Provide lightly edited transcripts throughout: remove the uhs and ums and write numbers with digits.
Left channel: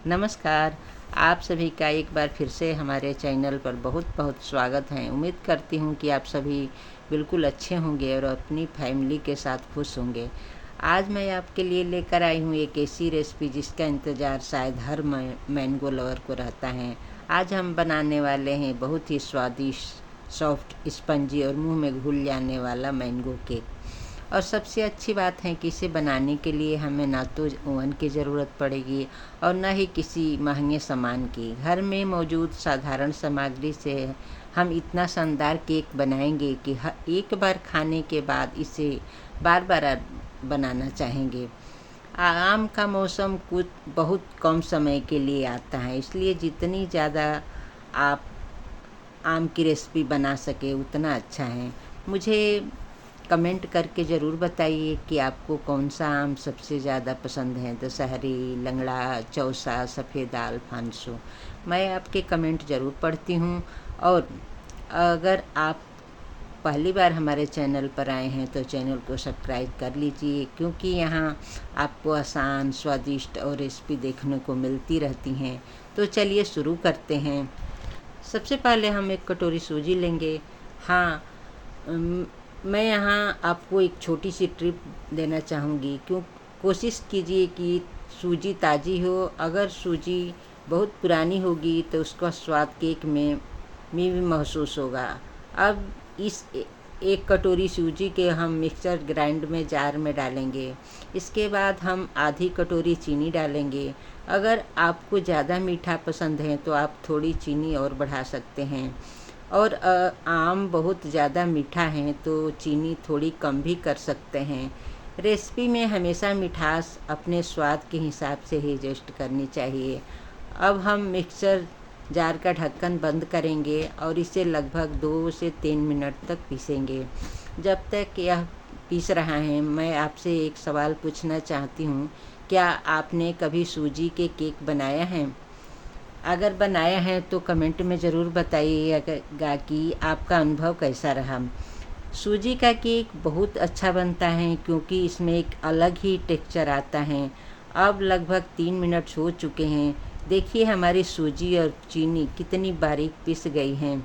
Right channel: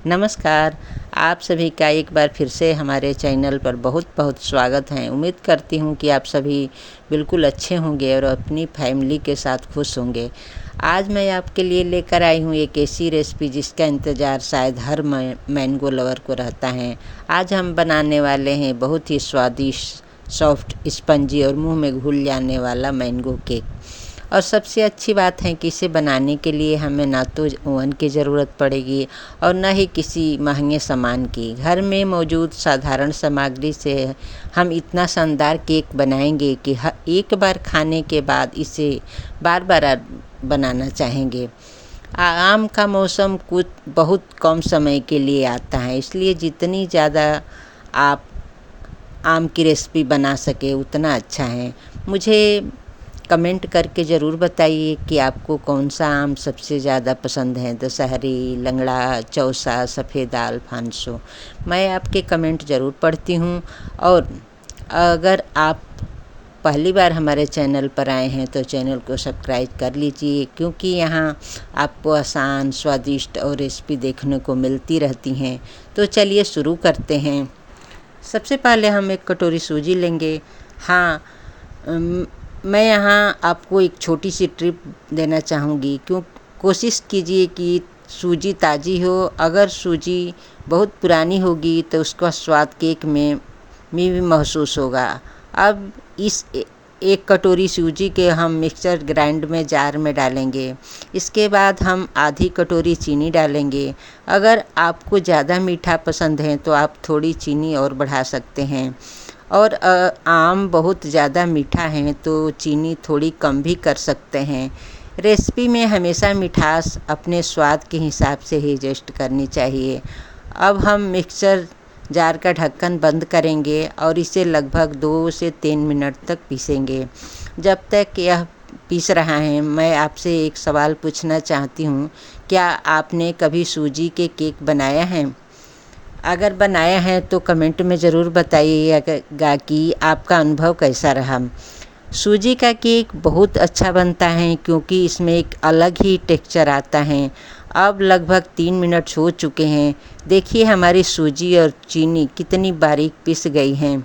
नमस्कार। आप सभी का एक बार फिर से हमारे चैनल पर बहुत बहुत स्वागत है। उम्मीद करती हूँ कि आप सभी बिल्कुल अच्छे होंगे और अपनी फैमिली के साथ खुश होंगे। आज मैं आपके लिए लेकर आई हूँ एक ऐसी रेसिपी जिसका इंतज़ार शायद हर मैंगो लवर को रहता है। आज हम बनाने वाले हैं बहुत ही स्वादिष्ट, सॉफ्ट, स्पंजी और मुंह में घुल जाने वाला मैंगो केक। और सबसे अच्छी बात है कि इसे बनाने के लिए हमें ना तो ओवन की ज़रूरत पड़ेगी और ना ही किसी महंगे सामान की। घर में मौजूद साधारण सामग्री से हम इतना शानदार केक बनाएंगे कि एक बार खाने के बाद इसे बार बार बनाना चाहेंगे। आम का मौसम कुछ बहुत कम समय के लिए आता है, इसलिए जितनी ज़्यादा आप आम की रेसिपी बना सके उतना अच्छा है। मुझे कमेंट करके ज़रूर बताइए कि आपको कौन सा आम सबसे ज़्यादा पसंद है, दशहरी, लंगड़ा, चौसा, सफ़ेदा, अल्फांसो। मैं आपके कमेंट ज़रूर पढ़ती हूँ। और अगर आप पहली बार हमारे चैनल पर आए हैं तो चैनल को सब्सक्राइब कर लीजिए, क्योंकि यहाँ आपको आसान, स्वादिष्ट और रेसिपी देखने को मिलती रहती हैं। तो चलिए शुरू करते हैं। सबसे पहले हम एक कटोरी सूजी लेंगे। हाँ, मैं यहाँ आपको एक छोटी सी ट्रिप देना चाहूँगी। कोशिश कीजिए कि सूजी ताज़ी हो। अगर सूजी बहुत पुरानी होगी तो उसका स्वाद केक में भी महसूस होगा। अब इस एक कटोरी सूजी के हम मिक्सर ग्राइंड में जार में डालेंगे। इसके बाद हम आधी कटोरी चीनी डालेंगे। अगर आपको ज़्यादा मीठा पसंद है तो आप थोड़ी चीनी और बढ़ा सकते हैं। और आम बहुत ज़्यादा मीठा है तो चीनी थोड़ी कम भी कर सकते हैं। रेसिपी में हमेशा मिठास अपने स्वाद के हिसाब से ही एडजस्ट करनी चाहिए। अब हम मिक्सर जार का ढक्कन बंद करेंगे और इसे लगभग 2 से 3 मिनट तक पीसेंगे। जब तक यह पीस रहा है, मैं आपसे एक सवाल पूछना चाहती हूँ। क्या आपने कभी सूजी के केक बनाया है? अगर बनाया है तो कमेंट में ज़रूर बताइएगा कि आपका अनुभव कैसा रहा। सूजी का केक बहुत अच्छा बनता है क्योंकि इसमें एक अलग ही टेक्सचर आता है। अब लगभग 3 मिनट हो चुके हैं। देखिए हमारी सूजी और चीनी कितनी बारीक पिस गई हैं।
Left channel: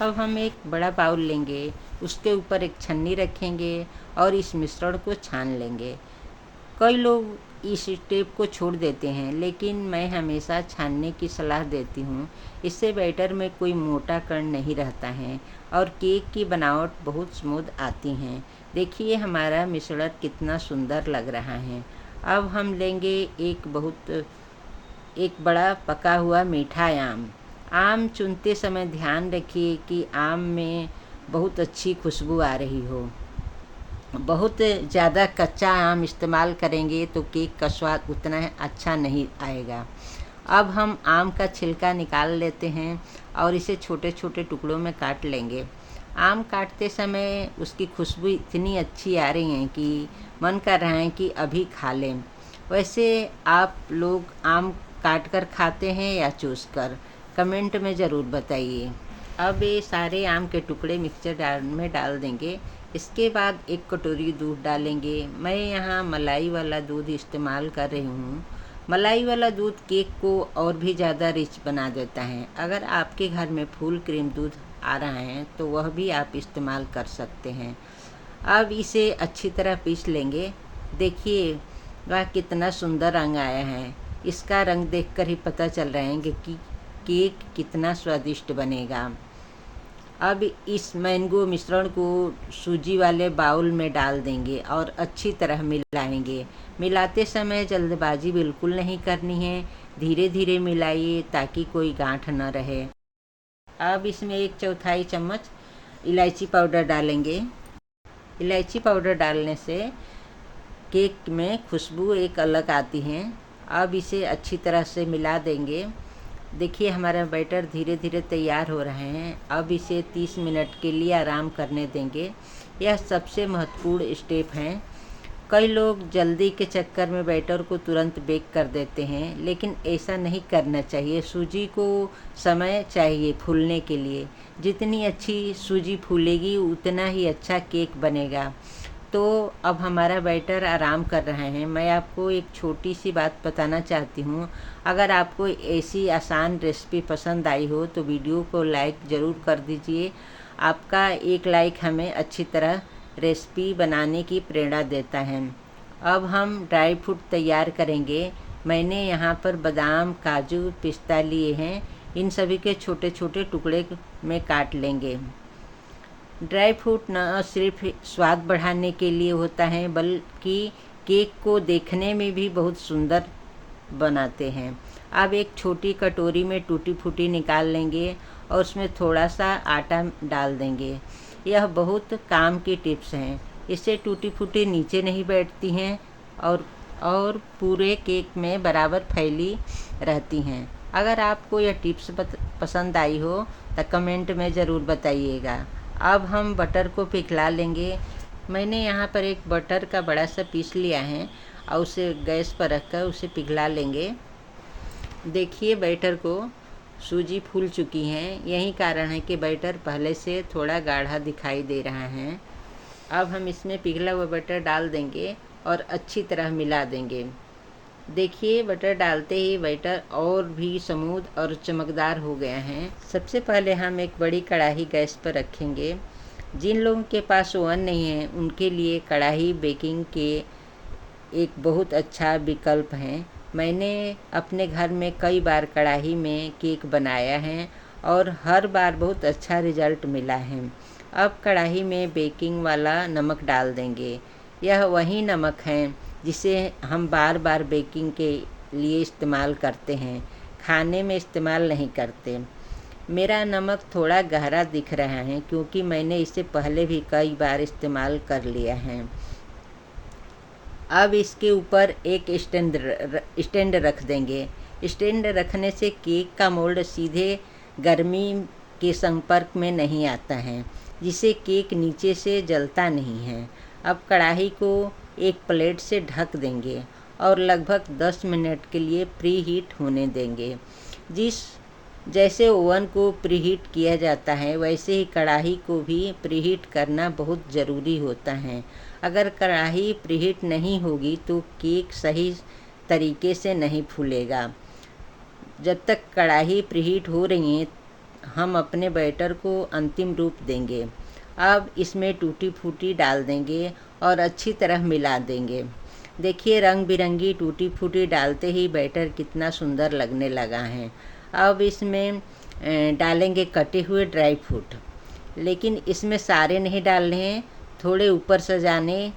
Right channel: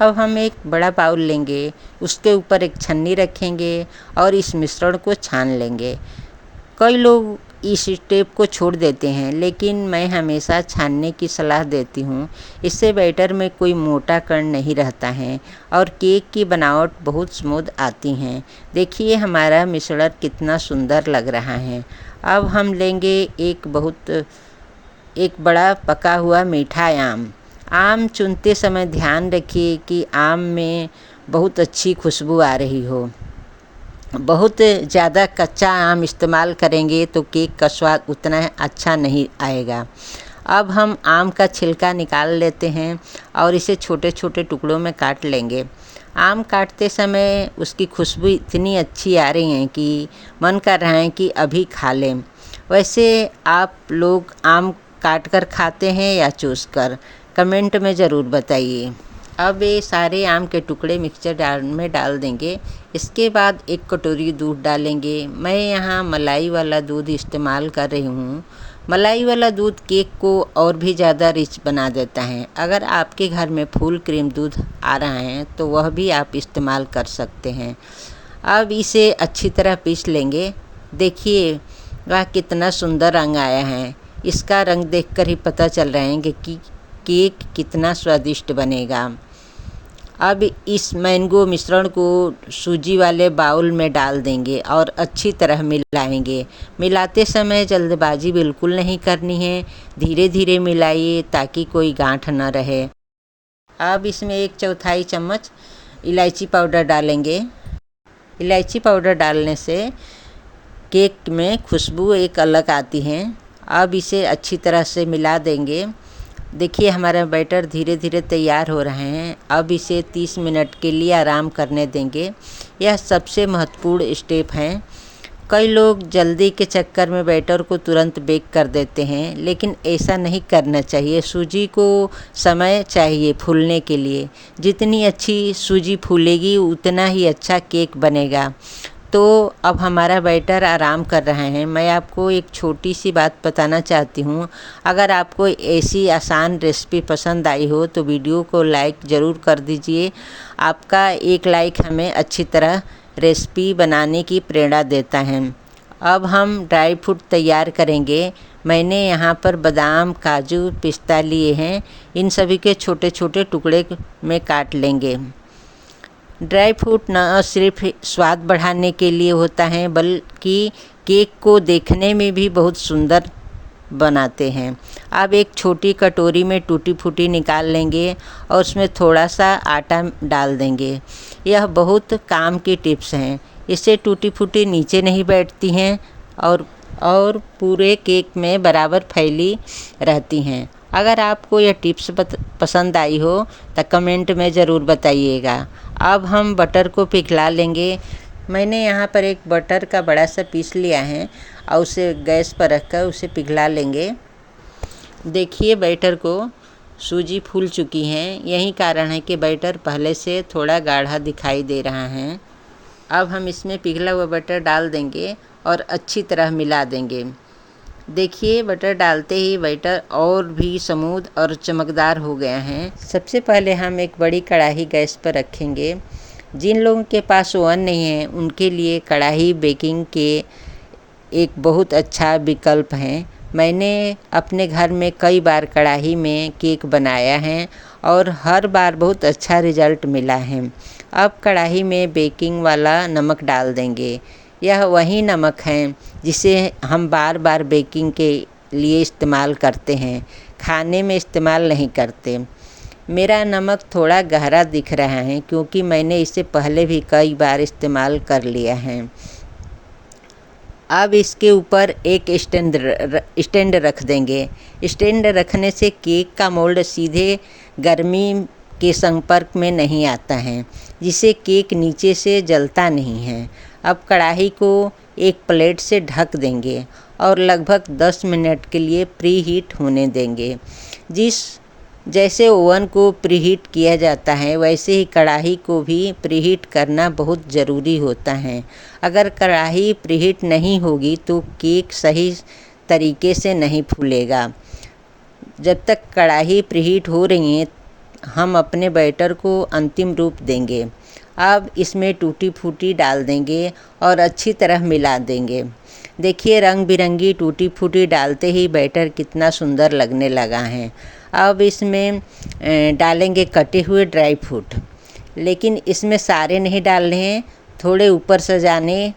अब हम एक बड़ा बाउल लेंगे, उसके ऊपर एक छन्नी रखेंगे और इस मिश्रण को छान लेंगे। कई लोग इस स्टेप को छोड़ देते हैं, लेकिन मैं हमेशा छानने की सलाह देती हूँ। इससे बैटर में कोई मोटा कण नहीं रहता है और केक की बनावट बहुत स्मूथ आती है। देखिए हमारा मिश्रण कितना सुंदर लग रहा है। अब हम लेंगे एक बड़ा पका हुआ मीठा आम। आम चुनते समय ध्यान रखिए कि आम में बहुत अच्छी खुशबू आ रही हो। बहुत ज़्यादा कच्चा आम इस्तेमाल करेंगे तो केक का स्वाद उतना अच्छा नहीं आएगा। अब हम आम का छिलका निकाल लेते हैं और इसे छोटे छोटे टुकड़ों में काट लेंगे। आम काटते समय उसकी खुशबू इतनी अच्छी आ रही है कि मन कर रहा है कि अभी खा लें। वैसे आप लोग आम काट कर खाते हैं या चूस कर? कमेंट में ज़रूर बताइए। अब ये सारे आम के टुकड़े मिक्सर में डाल देंगे। इसके बाद एक कटोरी दूध डालेंगे। मैं यहाँ मलाई वाला दूध इस्तेमाल कर रही हूँ। मलाई वाला दूध केक को और भी ज़्यादा रिच बना देता है। अगर आपके घर में फुल क्रीम दूध आ रहा है तो वह भी आप इस्तेमाल कर सकते हैं। अब इसे अच्छी तरह पीस लेंगे। देखिए वह कितना सुंदर रंग आया है। इसका रंग देखकर ही पता चल रहा है कि केक कितना स्वादिष्ट बनेगा। अब इस मैंगो मिश्रण को सूजी वाले बाउल में डाल देंगे और अच्छी तरह मिलाएंगे। मिलाते समय जल्दबाजी बिल्कुल नहीं करनी है। धीरे धीरे मिलाइए ताकि कोई गांठ न रहे। अब इसमें 1/4 चम्मच इलायची पाउडर डालेंगे। इलायची पाउडर डालने से केक में खुशबू एक अलग आती है। अब इसे अच्छी तरह से मिला देंगे। देखिए हमारा बैटर धीरे धीरे तैयार हो रहे हैं। अब इसे 30 मिनट के लिए आराम करने देंगे। यह सबसे महत्वपूर्ण स्टेप है। कई लोग जल्दी के चक्कर में बैटर को तुरंत बेक कर देते हैं, लेकिन ऐसा नहीं करना चाहिए। सूजी को समय चाहिए फूलने के लिए। जितनी अच्छी सूजी फूलेगी उतना ही अच्छा केक बनेगा। तो अब हमारा बैटर आराम कर रहा है। मैं आपको एक छोटी सी बात बताना चाहती हूँ। अगर आपको ऐसी आसान रेसिपी पसंद आई हो तो वीडियो को लाइक ज़रूर कर दीजिए। आपका एक लाइक हमें अच्छी तरह रेसिपी बनाने की प्रेरणा देता है। अब हम ड्राई फ्रूट तैयार करेंगे। मैंने यहाँ पर बादाम, काजू, पिस्ता लिए हैं। इन सभी के छोटे छोटे टुकड़े में काट लेंगे। ड्राई फ्रूट न सिर्फ स्वाद बढ़ाने के लिए होता है बल्कि केक को देखने में भी बहुत सुंदर बनाते हैं। अब एक छोटी कटोरी में टूटी फूटी निकाल लेंगे और उसमें थोड़ा सा आटा डाल देंगे। यह बहुत काम की टिप्स हैं। इससे टूटी फूटी नीचे नहीं बैठती हैं और पूरे केक में बराबर फैली रहती हैं। अगर आपको यह टिप्स पसंद आई हो तो कमेंट में ज़रूर बताइएगा। अब हम बटर को पिघला लेंगे। मैंने यहाँ पर एक बटर का बड़ा सा पीस लिया है और उसे गैस पर रखकर उसे पिघला लेंगे। देखिए बैटर को सूजी फूल चुकी हैं। यही कारण है कि बैटर पहले से थोड़ा गाढ़ा दिखाई दे रहा है। अब हम इसमें पिघला हुआ बटर डाल देंगे और अच्छी तरह मिला देंगे। देखिए बटर डालते ही बैटर और भी स्मूथ और चमकदार हो गया है। सबसे पहले हम एक बड़ी कढ़ाई गैस पर रखेंगे। जिन लोगों के पास ओवन नहीं है उनके लिए कढ़ाई बेकिंग के एक बहुत अच्छा विकल्प है। मैंने अपने घर में कई बार कढ़ाई में केक बनाया है और हर बार बहुत अच्छा रिज़ल्ट मिला है। अब कढ़ाई में बेकिंग वाला नमक डाल देंगे। यह वही नमक है जिसे हम बार बार बेकिंग के लिए इस्तेमाल करते हैं, खाने में इस्तेमाल नहीं करते। मेरा नमक थोड़ा गहरा दिख रहा है क्योंकि मैंने इसे पहले भी कई बार इस्तेमाल कर लिया है। अब इसके ऊपर एक स्टैंड रख देंगे। स्टैंड रखने से केक का मोल्ड सीधे गर्मी के संपर्क में नहीं आता है, जिससे केक नीचे से जलता नहीं है। अब कढ़ाई को एक प्लेट से ढक देंगे और लगभग 10 मिनट के लिए प्री हीट होने देंगे। जैसे ओवन को प्रीहीट किया जाता है वैसे ही कढ़ाई को भी प्रीहीट करना बहुत ज़रूरी होता है। अगर कढ़ाई प्रीहीट नहीं होगी तो केक सही तरीके से नहीं फूलेगा। जब तक कढ़ाई प्रीहीट हो रही है हम अपने बैटर को अंतिम रूप देंगे। अब इसमें टूटी फूटी डाल देंगे और अच्छी तरह मिला देंगे। देखिए रंग बिरंगी टूटी फूटी डालते ही बैटर कितना सुंदर लगने लगा है। अब इसमें डालेंगे कटे हुए ड्राई फ्रूट, लेकिन इसमें सारे नहीं डालने हैं, थोड़े ऊपर सजाने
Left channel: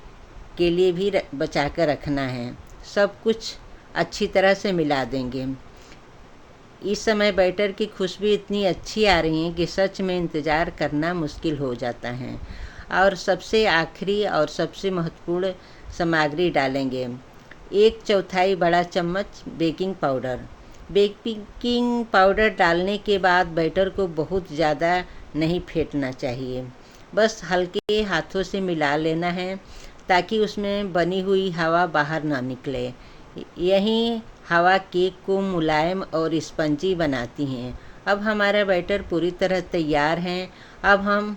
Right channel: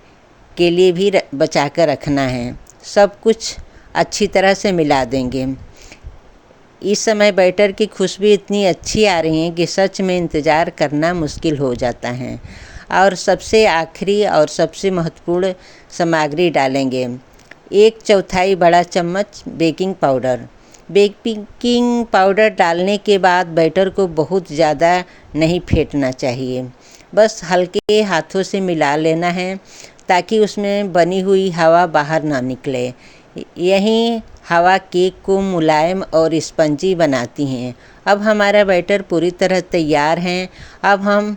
के लिए भी बचा कर रखना है। सब कुछ अच्छी तरह से मिला देंगे। इस समय बैटर की खुशबू इतनी अच्छी आ रही है कि सच में इंतज़ार करना मुश्किल हो जाता है। और सबसे आखिरी और सबसे महत्वपूर्ण सामग्री डालेंगे 1/4 बड़ा चम्मच बेकिंग पाउडर। बेकिंग पाउडर डालने के बाद बैटर को बहुत ज़्यादा नहीं फेंटना चाहिए, बस हल्के हाथों से मिला लेना है ताकि उसमें बनी हुई हवा बाहर ना निकले। यही हवा केक को मुलायम और स्पंजी बनाती हैं। अब हमारा बैटर पूरी तरह तैयार है। अब हम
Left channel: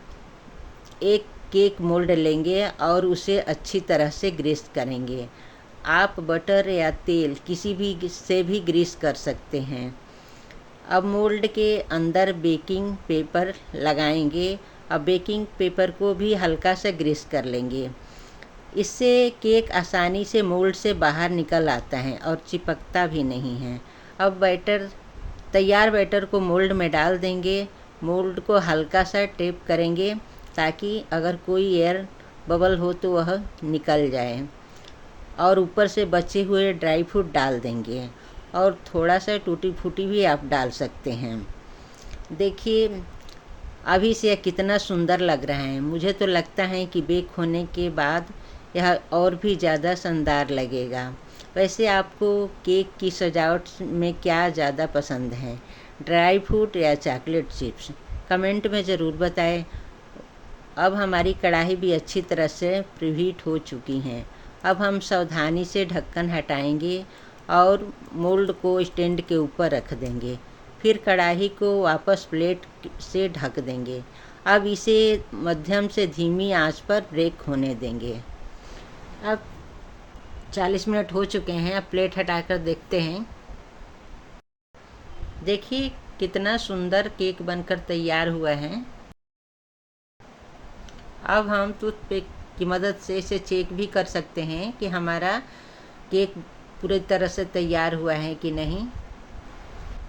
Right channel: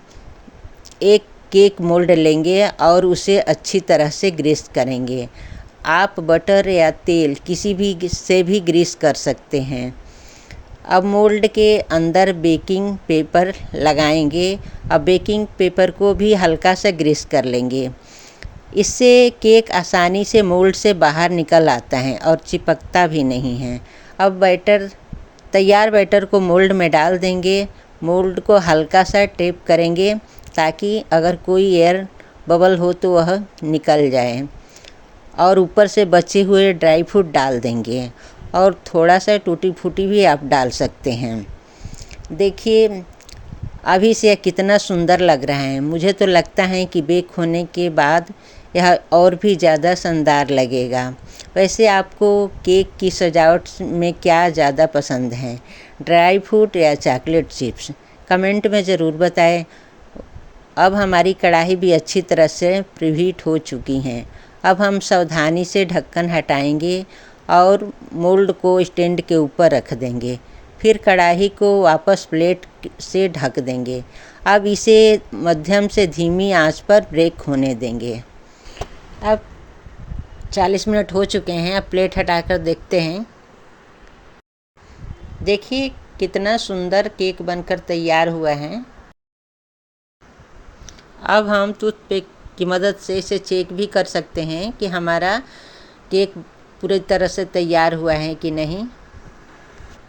एक केक मोल्ड लेंगे और उसे अच्छी तरह से ग्रीस करेंगे। आप बटर या तेल किसी भी से भी ग्रीस कर सकते हैं। अब मोल्ड के अंदर बेकिंग पेपर लगाएंगे। अब बेकिंग पेपर को भी हल्का सा ग्रीस कर लेंगे। इससे केक आसानी से मोल्ड से बाहर निकल आता है और चिपकता भी नहीं है। अब तैयार बैटर को मोल्ड में डाल देंगे। मोल्ड को हल्का सा टैप करेंगे ताकि अगर कोई एयर बबल हो तो वह निकल जाए, और ऊपर से बचे हुए ड्राई फ्रूट डाल देंगे और थोड़ा सा टूटी फूटी भी आप डाल सकते हैं। देखिए अभी से यह कितना सुंदर लग रहा है। मुझे तो लगता है कि बेक होने के बाद यह और भी ज़्यादा शानदार लगेगा। वैसे आपको केक की सजावट में क्या ज़्यादा पसंद है, ड्राई फ्रूट या चॉकलेट चिप्स? कमेंट में ज़रूर बताएं। अब हमारी कढ़ाई भी अच्छी तरह से प्रीहीट हो चुकी हैं। अब हम सावधानी से ढक्कन हटाएंगे और मोल्ड को स्टैंड के ऊपर रख देंगे। फिर कढ़ाई को वापस प्लेट से ढक देंगे। अब इसे मध्यम से धीमी आंच पर बेक होने देंगे। अब 40 मिनट हो चुके हैं। अब प्लेट हटाकर देखते हैं। देखिए कितना सुंदर केक बनकर तैयार हुआ है। अब हम टूथपिक की मदद से इसे चेक भी कर सकते हैं कि हमारा केक पूरी तरह से तैयार हुआ है कि नहीं।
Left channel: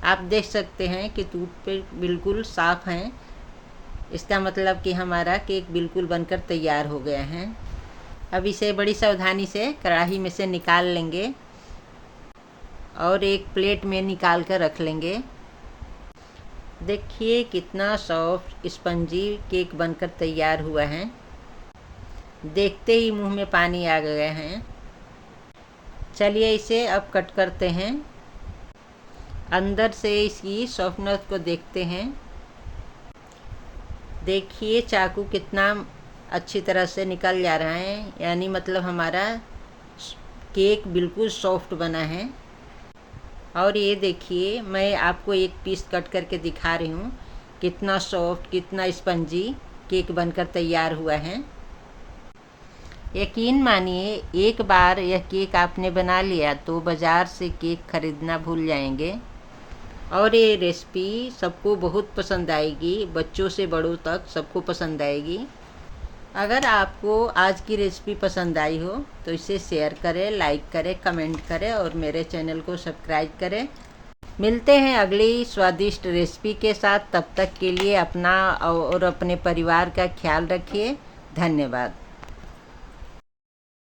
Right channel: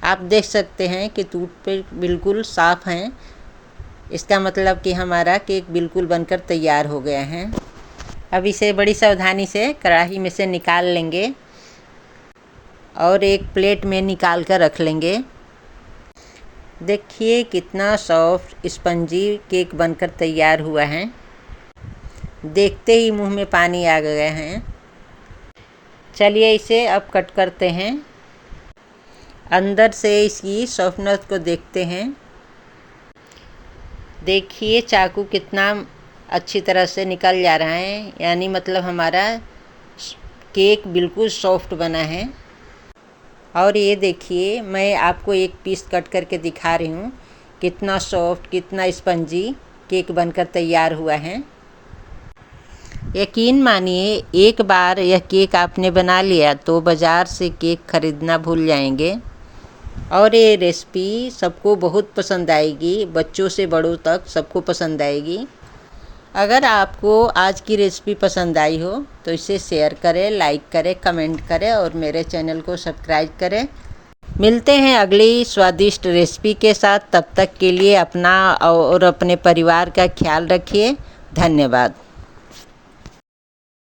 आप देख सकते हैं कि टूथपिक बिल्कुल साफ़ हैं। इसका मतलब कि हमारा केक बिल्कुल बनकर तैयार हो गया है। अब इसे बड़ी सावधानी से कढ़ाई में से निकाल लेंगे और एक प्लेट में निकाल कर रख लेंगे। देखिए कितना सॉफ्ट स्पंजी केक बनकर तैयार हुआ है। देखते ही मुंह में पानी आ गया है। चलिए इसे अब कट करते हैं। अंदर से इसकी सॉफ्टनेस को देखते हैं। देखिए चाकू कितना अच्छी तरह से निकल जा रहा है, यानी मतलब हमारा केक बिल्कुल सॉफ्ट बना है। और ये देखिए मैं आपको एक पीस कट करके दिखा रही हूँ, कितना सॉफ्ट कितना स्पंजी केक बनकर तैयार हुआ है। यकीन मानिए एक बार यह केक आपने बना लिया तो बाज़ार से केक खरीदना भूल जाएंगे। और ये रेसिपी सबको बहुत पसंद आएगी, बच्चों से बड़ों तक सबको पसंद आएगी। अगर आपको आज की रेसिपी पसंद आई हो तो इसे शेयर करें, लाइक करें, कमेंट करें और मेरे चैनल को सब्सक्राइब करें। मिलते हैं अगली स्वादिष्ट रेसिपी के साथ। तब तक के लिए अपना और अपने परिवार का ख्याल रखिए। धन्यवाद।